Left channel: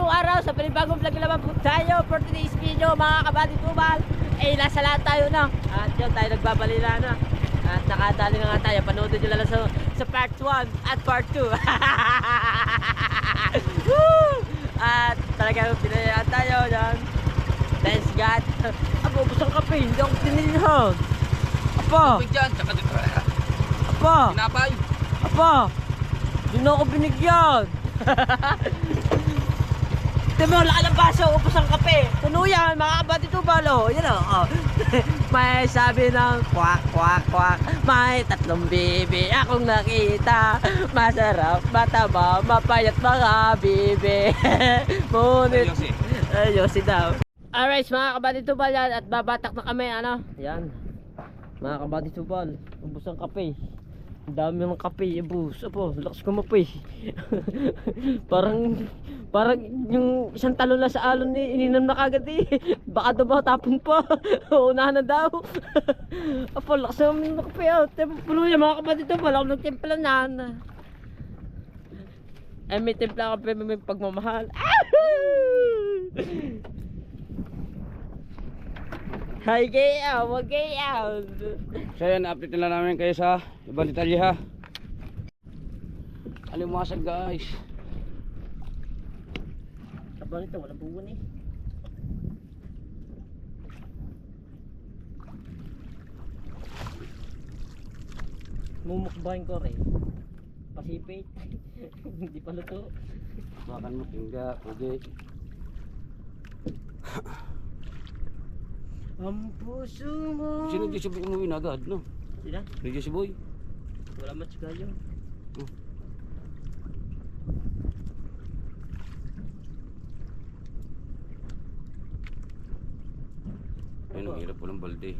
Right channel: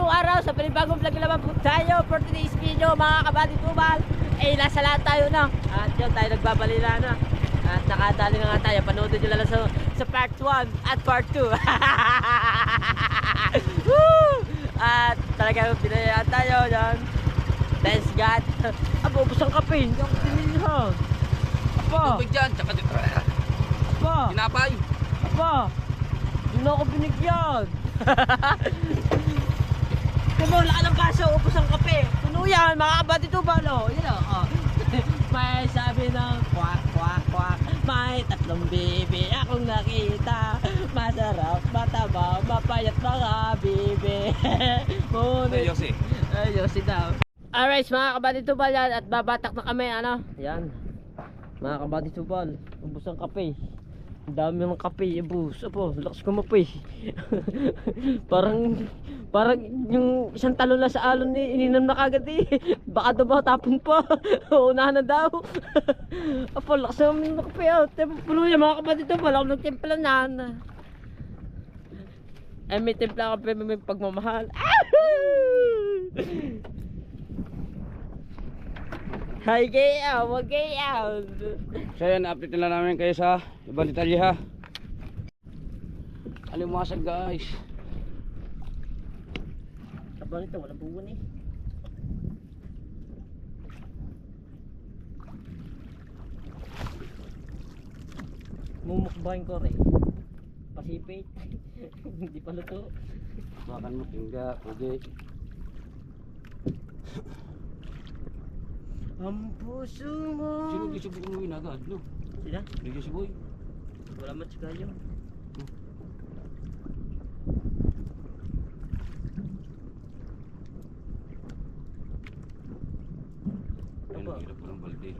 panibagong araw, sa panibagong vlog naman po tayo for today's video mga kabady tubal. Eh, nasa lahat tayo na. At yun, tayo nagbabalila na. At nakadali na nga tayo. Panoodin nyo lang sa part 1 at part 2. At talagang pinayaan tayo dyan. Thanks God. Abo, busang kape. Hindi ako pinili ha. Apa? Tubig dyan, tsaka dito. Apa? Pinapay. Apa? Hindi na ako binigyan. Tignan mo, laki ng baso, upos ang kape. Puno yan, mga kabady tubal. Yan o. May sabi ng kwak, kwak, kwak. May tatlong bibi akong nakita. Masarap, mataba, mapayat mga bibi. Ngunit Yosi. Yosi daw. Alright, mga kabady tubal yan. At babatak na kami, ano. Yan. Mga kabady tubal, ubos ang kape. Ang dami ng kape, ubos. Apo, lakas kumape. Parang yung isang talo na sa alon ni ininom na kagad eh. Baka daw ba tapon pa. Unahan na daw. Apo, lakas naman ng kape. Puno yan mga kabady tubal. Ako nagtimpla na. Eh, may timpla kape, may pagmamahal. Hi kayo, wag kayo. So yan, update na namin kayo sa ibang detalye ha. Alimasag guys. Abang ito, wala buwan eh. Mumukbahin ko rin. Pasipit. Hindi pa luto. Bakan mo, tingga, pwede. Ang puso mo. Sino di si Boy umuwi na agad, no? Sila? Hindi si Boy. Wala match kayo. Ayun, ang hirap po ng balde.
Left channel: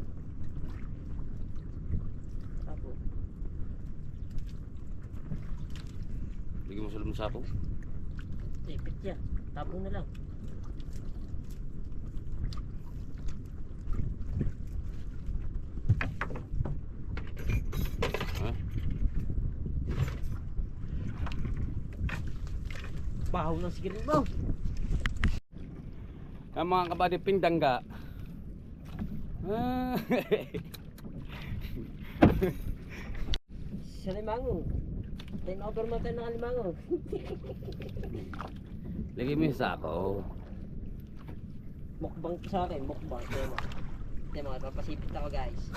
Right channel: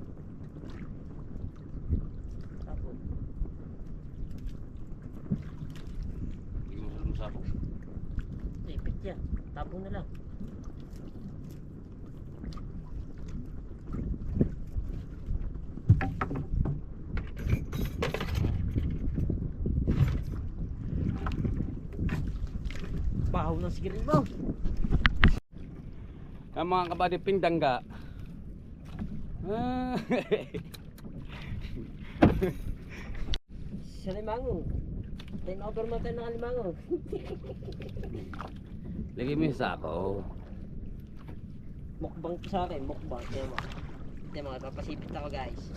Tapo. Bigyan mo sa loob ng sapo. Tipit yan. Tapo na lang. Bahaw ng sigarilyo mo. Ang mga kabady pingdangga. Sa limango. Time over mo tayo ng limango. Lagay mo yung sako. Mukbang to sa akin, mukbang. Ito mga papasipit ako guys.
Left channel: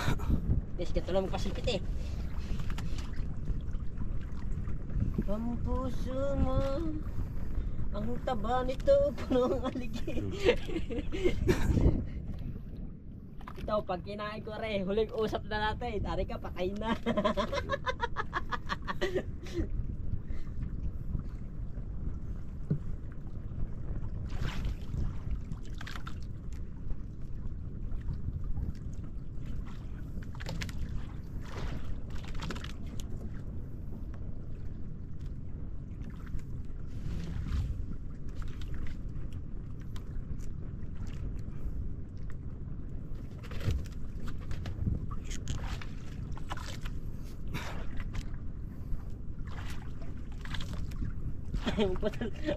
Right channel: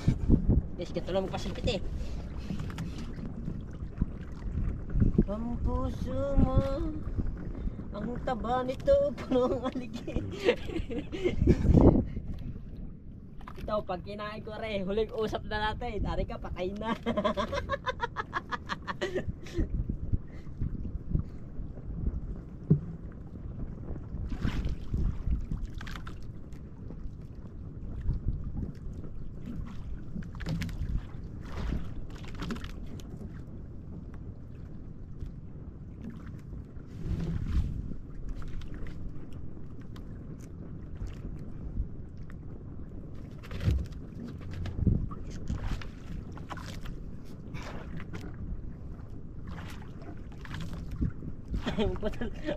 Guys, ganito lang magpasipit eh. Ang puso mo, ang taba nito, puno ang aligi. Ito, pag kinain ko rin, huling usap na natin. Dari ka, patay na.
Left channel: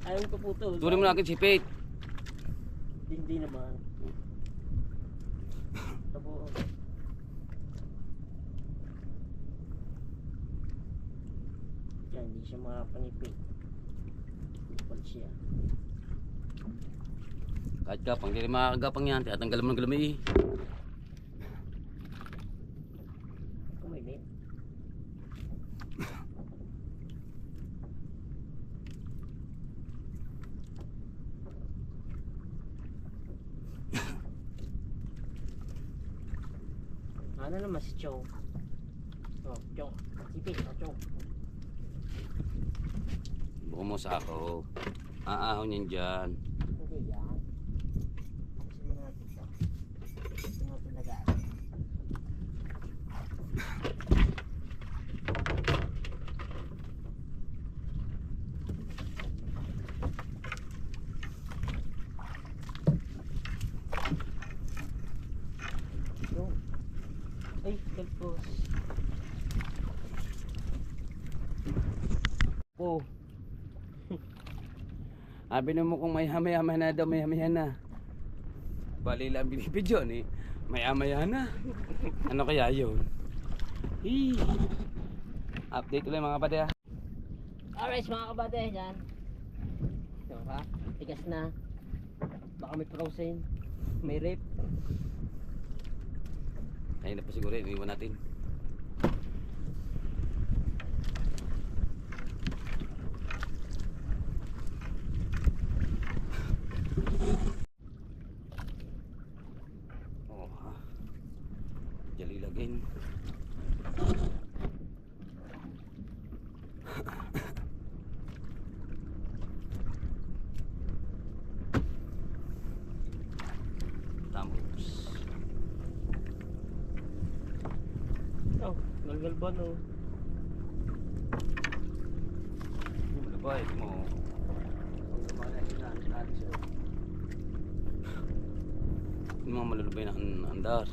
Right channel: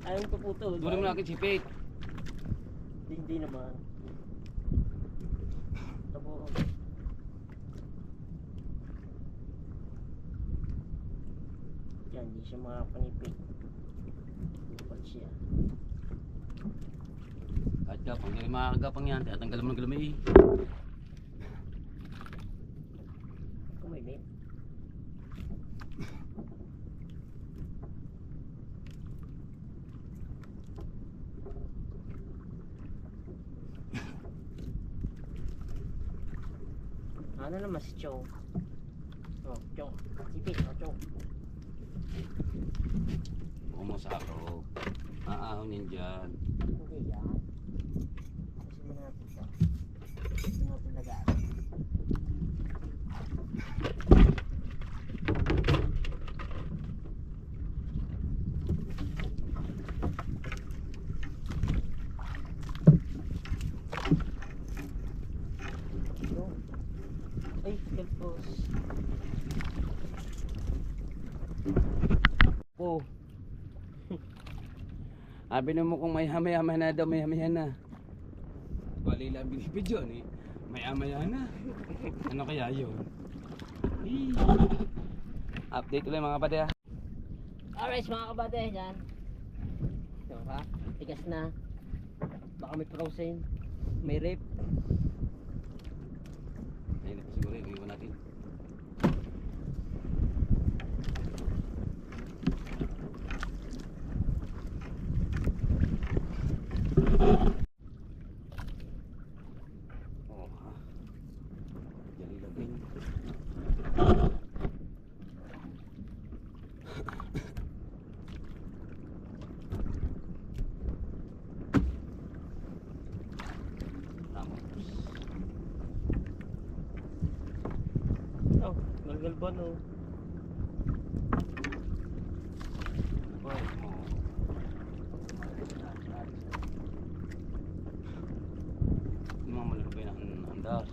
Ayaw mo paputol. Tuloy mo na akin sipit. Hindi naman. Tabuan. Yan, hindi siya makapanipit. Lupal siya. Kahit gapang, hindi makakagapang yan. Tatanggal mo ng galamay eh. Kumimip. Ano naman si Chong? Oh, Chong. Sipit, oh, Chong. Buko mo sako. Aahon yan dyan. Hindi yan. Kasi mo natin ito. Ito natin lagay. Ay, kalpos. Po. Sabi na mo kung may hamay-hamay na daw, may hamay na. Bali lang binibidyo ni. May hamay na. Ano kaya yun? Update ulit mga kapatid ah. Alright mga kabate, yan. Ito ka, tigas na. Baka may frozen, may rip. Ayun na pa siguro, iniwan natin. Oh, ha. Jali lagin. Tamos. Oh, galgalban oh. Ano ba mo? Hindi mo malulubay na andar.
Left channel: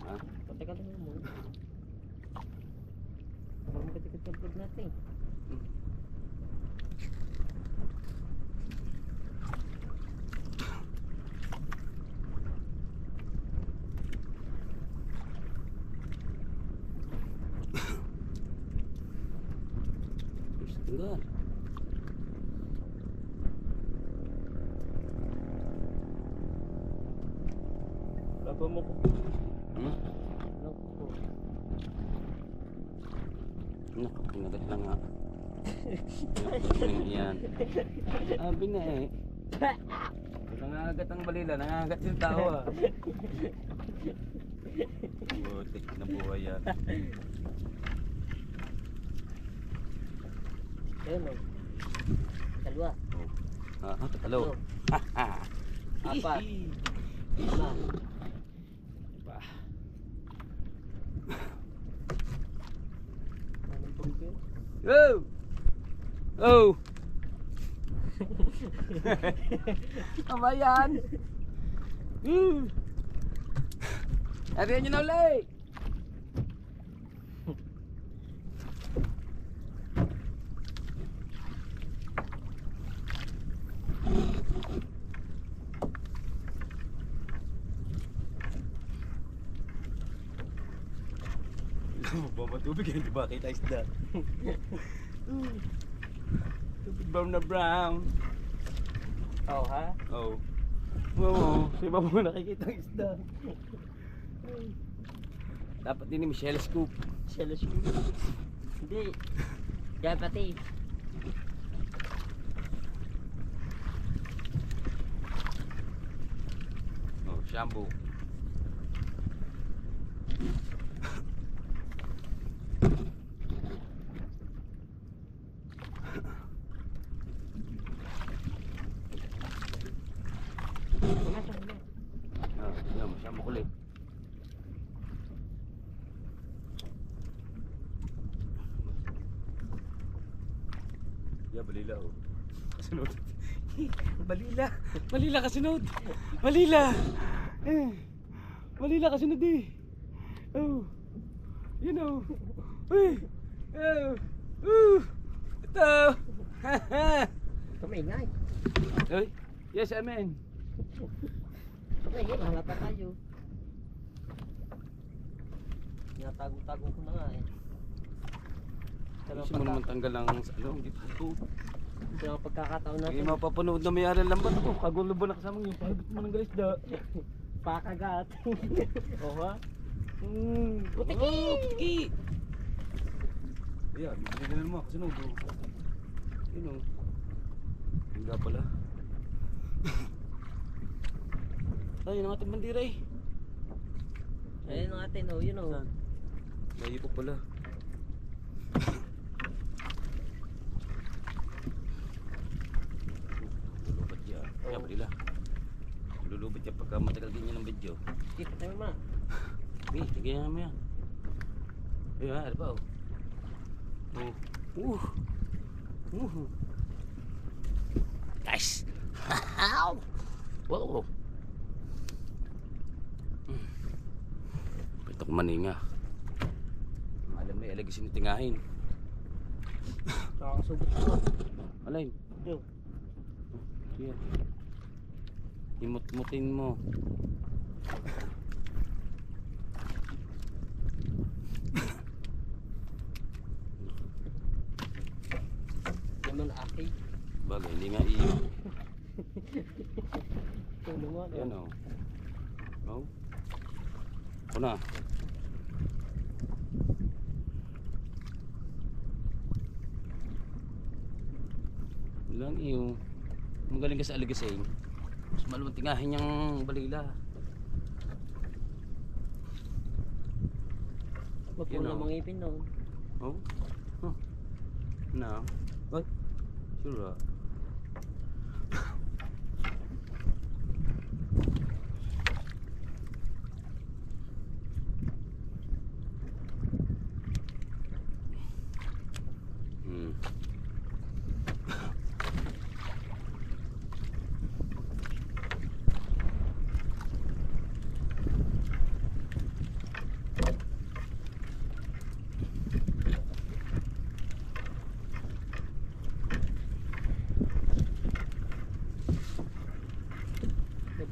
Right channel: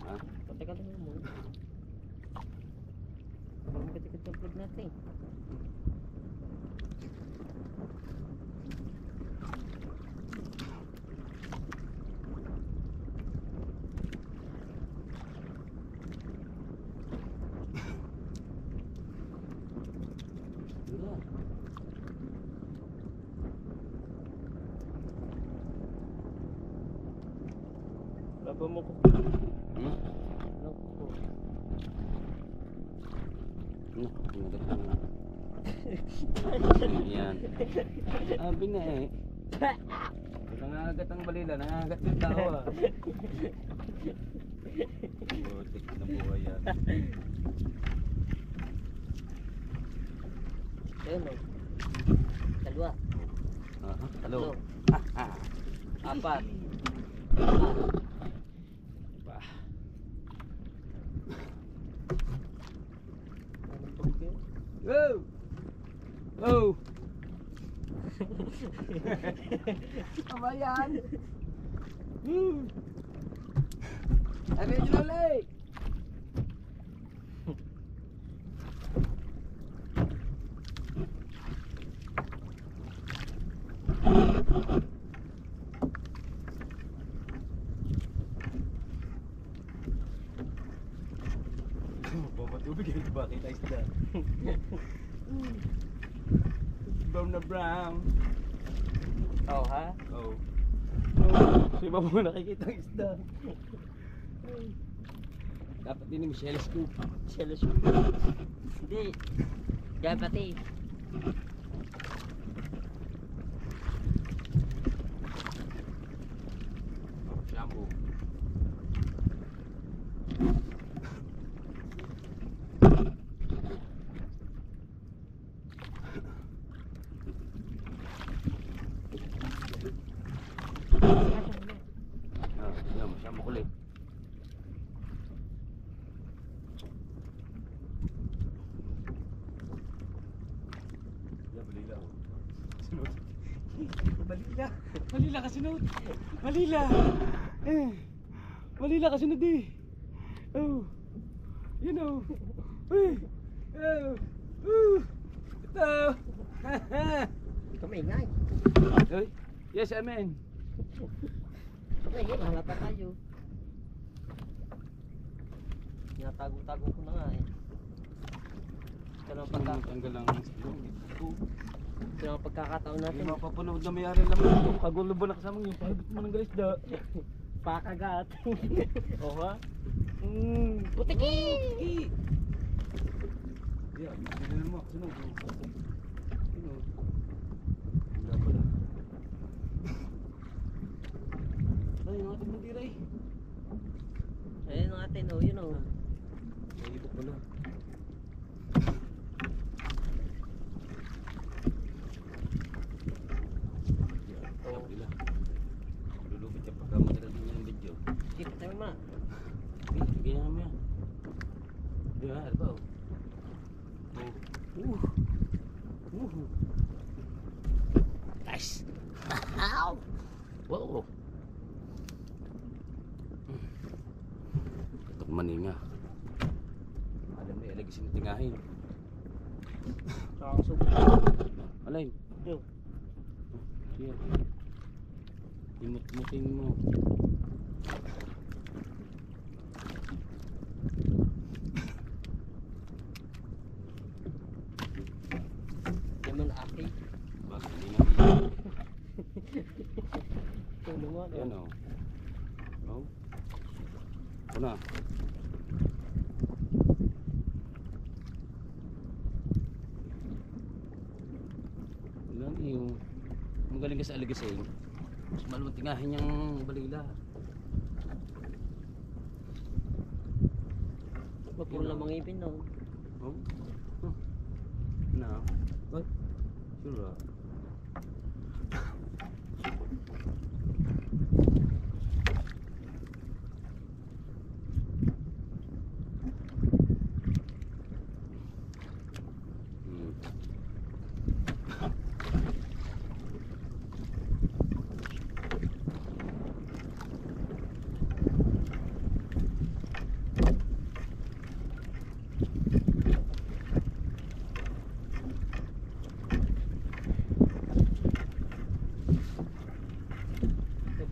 Ha? Patay ka mo. Parang magkatipid ng vlog natin. Andar. Laban mo ko. Hmm? Naku. Naku, pinagat lang nga. Yan. Sabi na eh. Nangangagat ang balila, nangangagat yung tao ah. Butik na buhay yan. Ayun oh. Dalawa. Ah, hello. Apat. Ba. Anong pagkain? Oh! Oh! Apa yan? Ariyan nyo na ulit! Mamatubig yan, diba? Kita isda. Tubig brown na brown. Oh ha? Oh. Oh, di ba mo nakikita ang isda? Dapat din ni Michelle scoop. Jealous ko. Hindi. Yan pati. Oh, shampoo. Ah, yan, shampoo kulit. Yeah, balila oh. Kasunod. Balila. Balila kasunod. Balila. Balila kasunod eh. Oh. You know. Uy. Oh. Ito. Kamingay. Uy. Yes, amen. Kamingay, mahalata tayo. Tinatago-tago ko na nga eh. Ito lang Gusto mo naman tanggal ang ito. ito lang pagkakataon Hindi natin. mapapanood na may aral naman ito. Kagulo ba na kasama yung pahigit mo ng galisda? Pakagat. Oh ha? Putiki! Putiki! Yeah, hindi na naman kasunod. Yun o. Hindi pala. Ay, yun ang ating bandira eh. Ayun natin oh, yun oh. Naibok pala. Lulubad yan. Siya pala. Lulubad yan pagka matagal din yan ng video. Sige, tayo ma. Okay, tigyan naman yan. Ayun ha, ano ba oh. Nice! Wow! Ito maninga. Alam mo, ilagay sinitingahin. Nakakasubok. Alay. Yo. Siya. Imut-mutin mo. Naman aki. Bagay, hindi nga iyo. Tulungan. Yan o. Oh. Ako na. Lang iyo. Magaling ka sa aligasing. Mas maluwang tingahin niyang balila. Wag Yun, mo na oh. mangipin noon. Oh? Huh. Na. Ay. Sure. Hmm.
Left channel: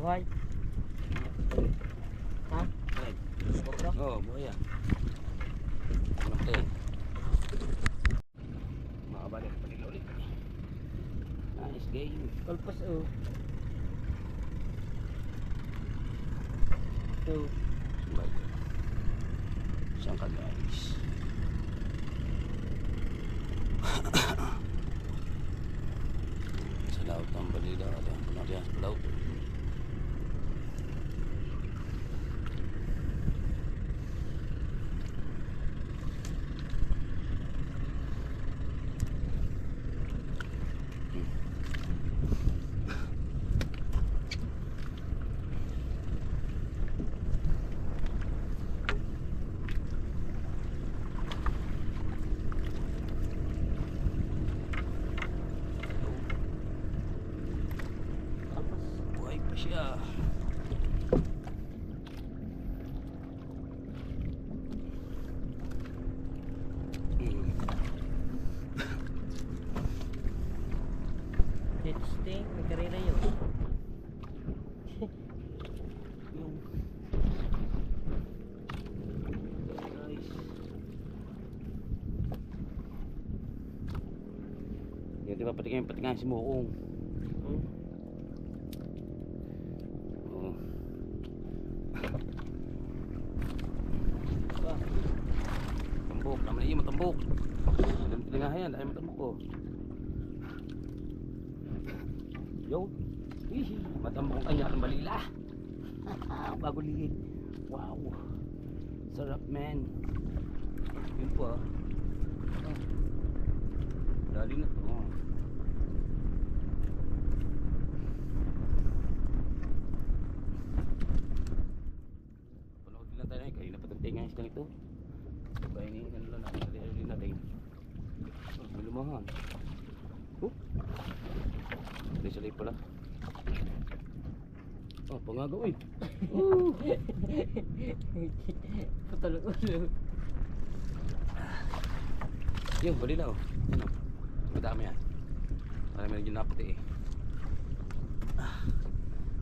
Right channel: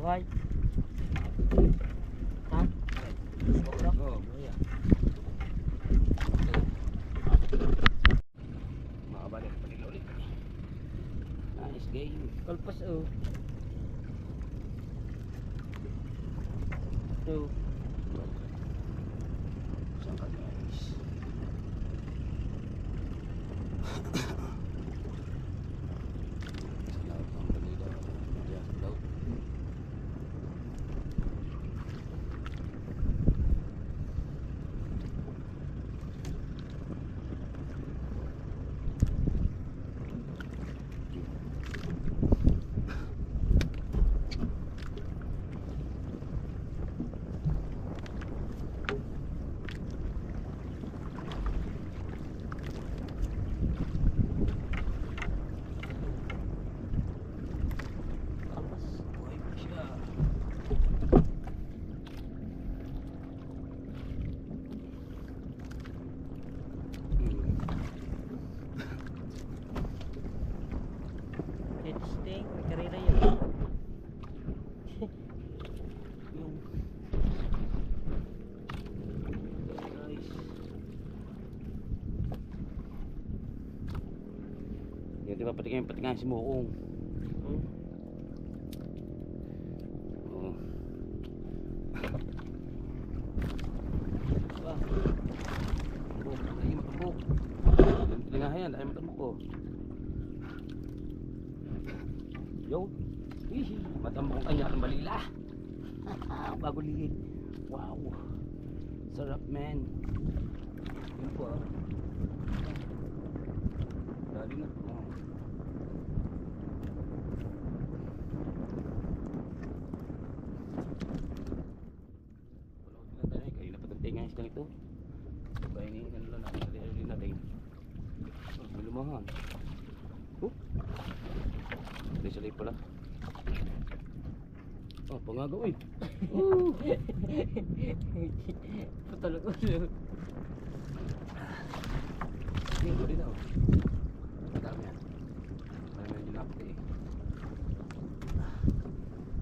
Buhay. Ha? Ay. Sobra? Oh, buhaya. Okay. Makabalik pa nila ulit. Nice game. Kalpas oh. So, Sumbay ka. Saan ka guys? Sa laut ng balila. Ayan, punarihan sa laut. kalpas. Buhay pa siya. Hit sting, may karera yun. Yung nice. Yan, di ba patingin si Mukong. Hmm? Oo. Ba? Tambok, naman iyo matambok. Tilingahan yan, dahil matambok ko. Yo. Hihi, matambok ang kanya ng balila. Bago liit. Wow. Sarap man. Yun po ah. Dali na to. Panood din lang tayo. Kanina pa tantay nga isang ito. Sabay ni ano lang natin. Dali natin. May lumahan. Oh. Salay pala. Oh, pangagaw eh. Patulog ulo. Yun, bali na oh. Madami yan. Parang medyo naputi eh.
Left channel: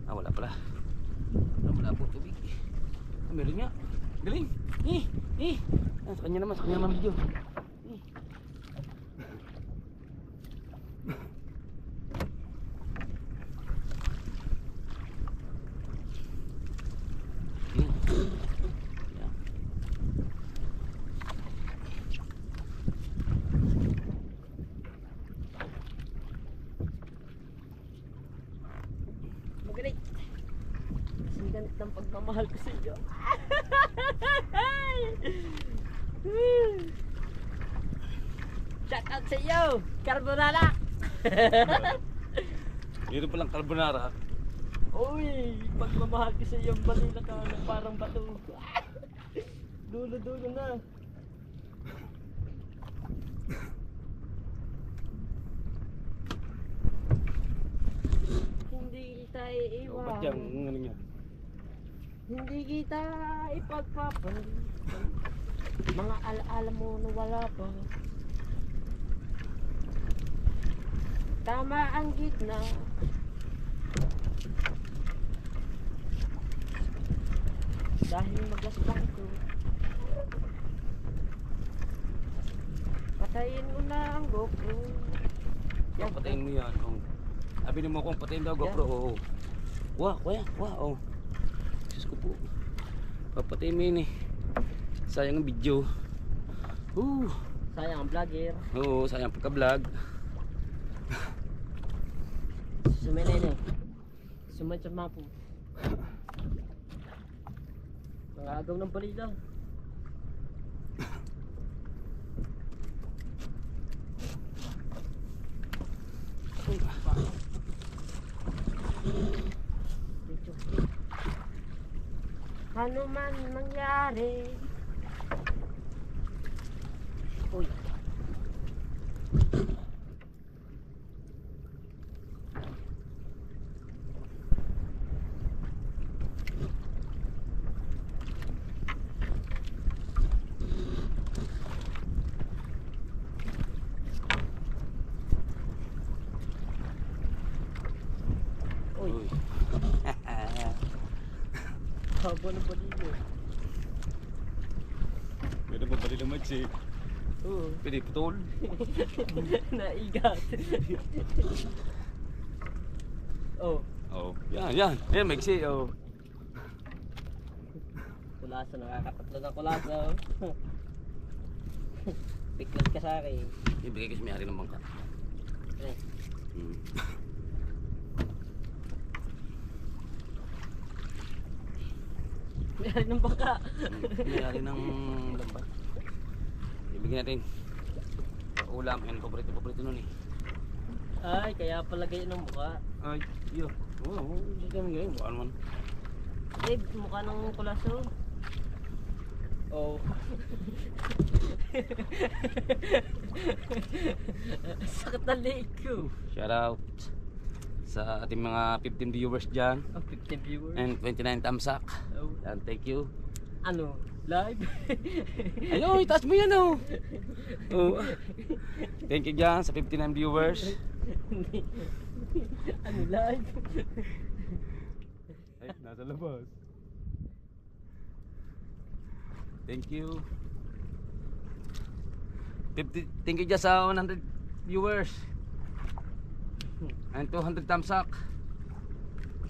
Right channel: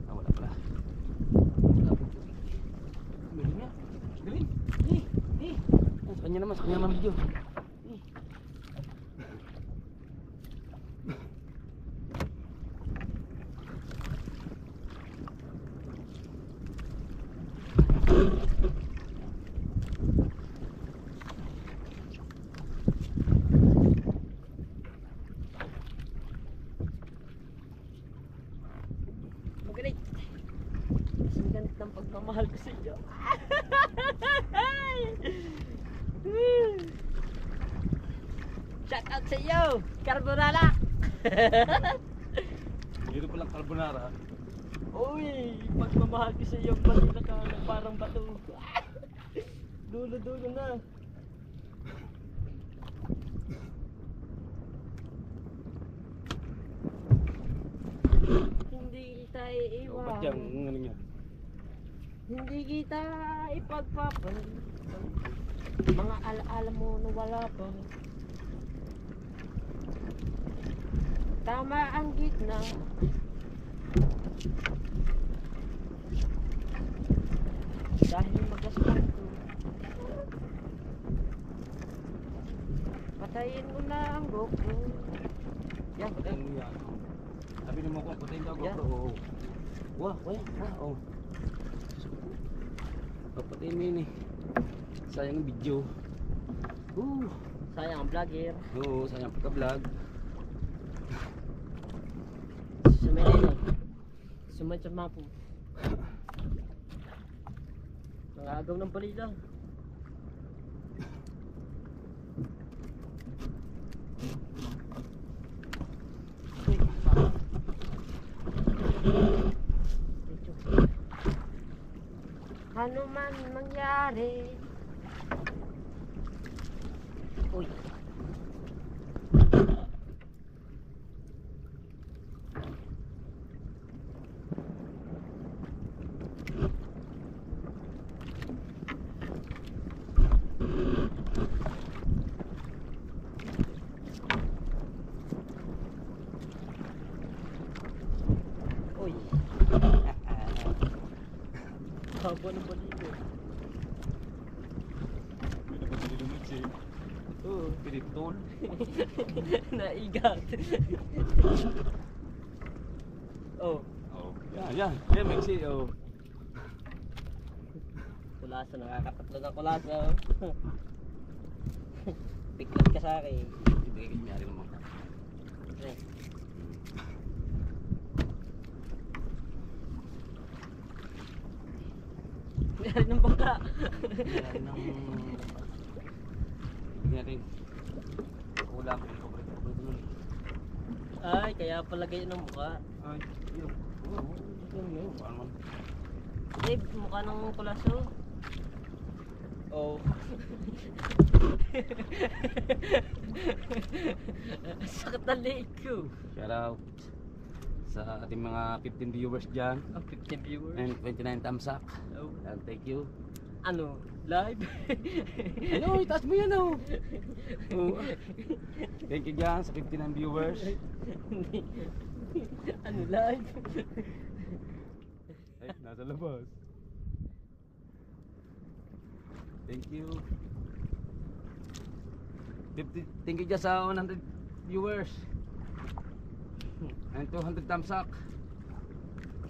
Ah, wala pala. Wala po tubig. Meron nga. Galing. Ah, sa kanya naman video. Magaling. Kasing ganit ng pagmamahal ko sa iyo. Shout out sa iyo, Carbonara. Dito palang carbonara. Uy, pagmamahal ko sa iyo, balila ka na parang bato. Dulo-dulo na. Hindi kita Oh, iiwan. ba't yan? Ano niya? Hindi kita ipagpapalitan. Mga alaala mo na wala pa. Tama ang gitna. Dahil magaspan ko. Patayin mo na ang GoPro. Yan, Patayin mo yan. Oh. Sabi mo kung patayin daw GoPro. Oo. Wah, kuya. Wah, oh. Diyos ko po. Papatayin mo yun eh. Sayang ang video. Sayang ang vlogger. Oo, sayang pagka-vlog. Suminay. Sumay sa mapo. Nangagaw ng balila. Ano man mangyari. Uy. Uy. Haba ng balilo. Pwede ba bali naman siya? Oo. Pwede putol. Naigat. Oh. Oo. Yan, yan. Yan, Mexi. Oo. Kulasa, nakakatatlo ng kulasa. Biglas ka sa akin. Ibigay kasi may-ari ng bangka. Pre. May-ari ng bangka. May-ari ng lambat. Ibigay natin. Ulam. Yan, paborito nun eh. Ay, kaya pala ganyan ang mukha. Ay, yun. Oo, hindi kami ngayon. Baka naman. Eh, mukha ng kulaso. Oh. Sakit na leg ko. Shout out sa ating mga 15 viewers dyan. Oh, 15 viewers. And 29 thumbs up. Oh. And thank you. Ano? Live? Ay, taas mo yan oh. Oh. Thank you dyan sa 59 viewers. Ano live? Ay, nasa labas. Thank you. Thank you dyan sa 100 viewers. And 200 thumbs up.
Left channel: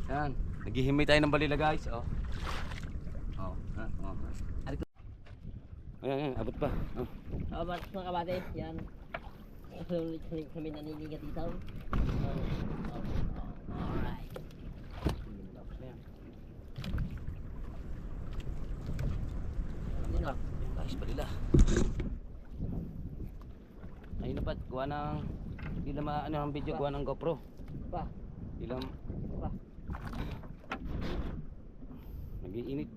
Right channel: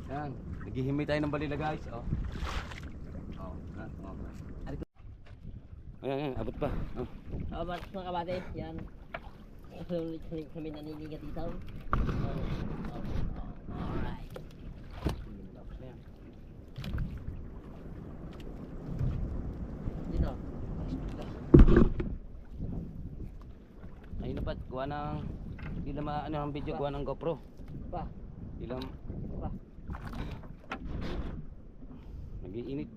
Yan. Naghihimay tayo ng balila guys. Oh. Oh. Oh. Ayan, abot pa. Oh. Oh, mga kabate, yan. Sulit kami naninigat dito. Alright. Yun o. Ayos pa nila. Ayun na pa, kuha ng ilang ano ang video, kuha ng GoPro. Pa. Ilang Pa. nag-iinit.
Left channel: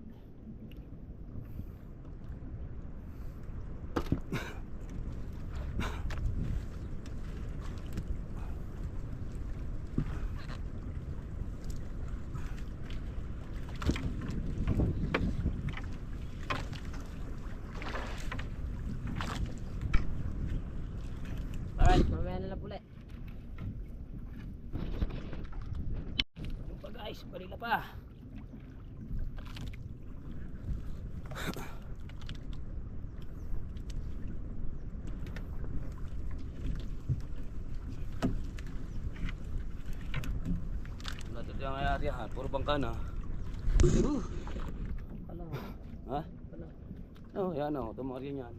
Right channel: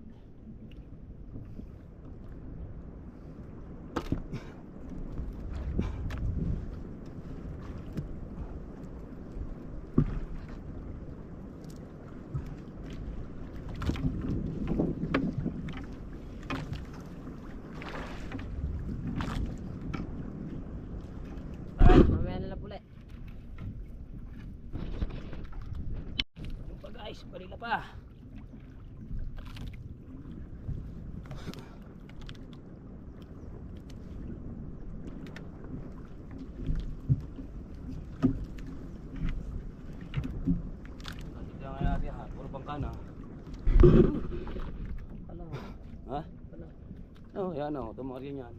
Alright, mamaya na lang ulit. Ano pa guys, balila pa. Natin yung ayari ha, puro bangka na. Hello. Ha? Hello. Oh, yan o, tumari yan.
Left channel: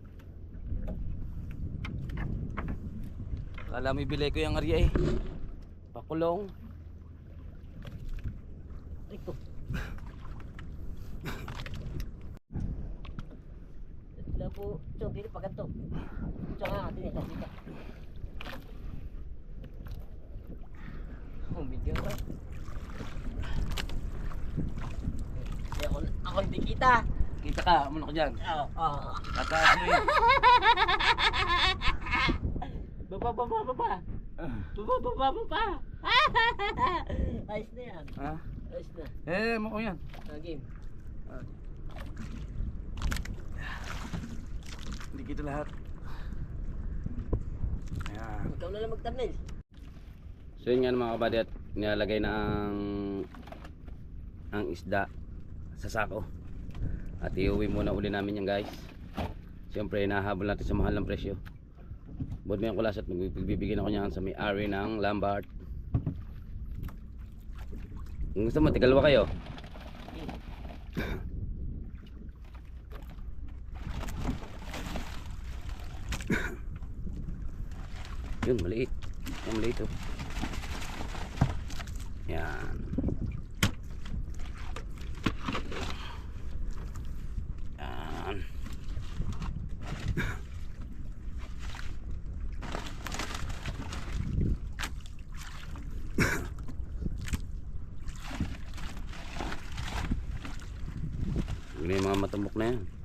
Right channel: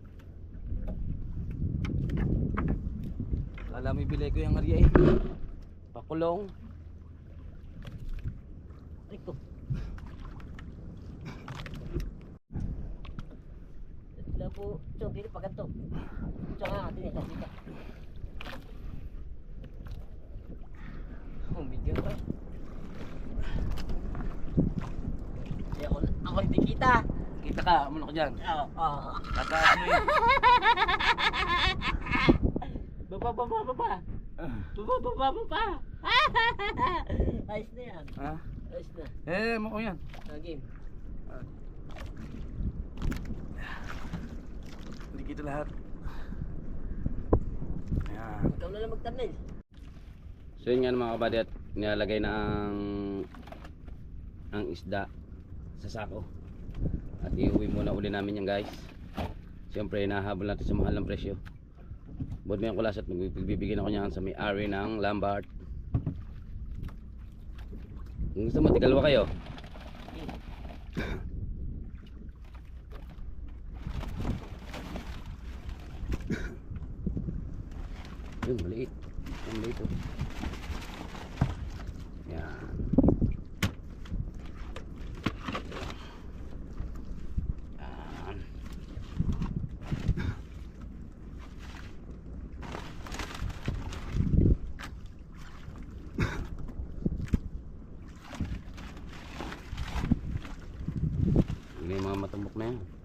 Kala mo ibili ko yung arya eh. Pakulong. Ito. Sila po, Chong, dito pa ganito. Chong nga natin eh, dito. Oh, bigyan ka. Ako hindi kita. Kita ka, muna ka dyan. Oo. Tataas mo yun. Baba. Ayos na yan. Ha? Ayos na. Mo ko yan. Game. Hindi kita lahat. Ayan. Ikaw na lang mag-thumbnail. So yun nga mga kabady, at nilalagay na ang isda sa sako. At iuwi muna uli namin yan guys. Siyempre nahabol natin sa mahal ng presyo. Buod mo yung kulas at magbibigyan ako niyan sa may-ari ng Lambart. Kung gusto mo, tigalwa kayo. Yun, maliit. Yan, maliit oh. Yan. Yan. Yun yung mga matambok na yan.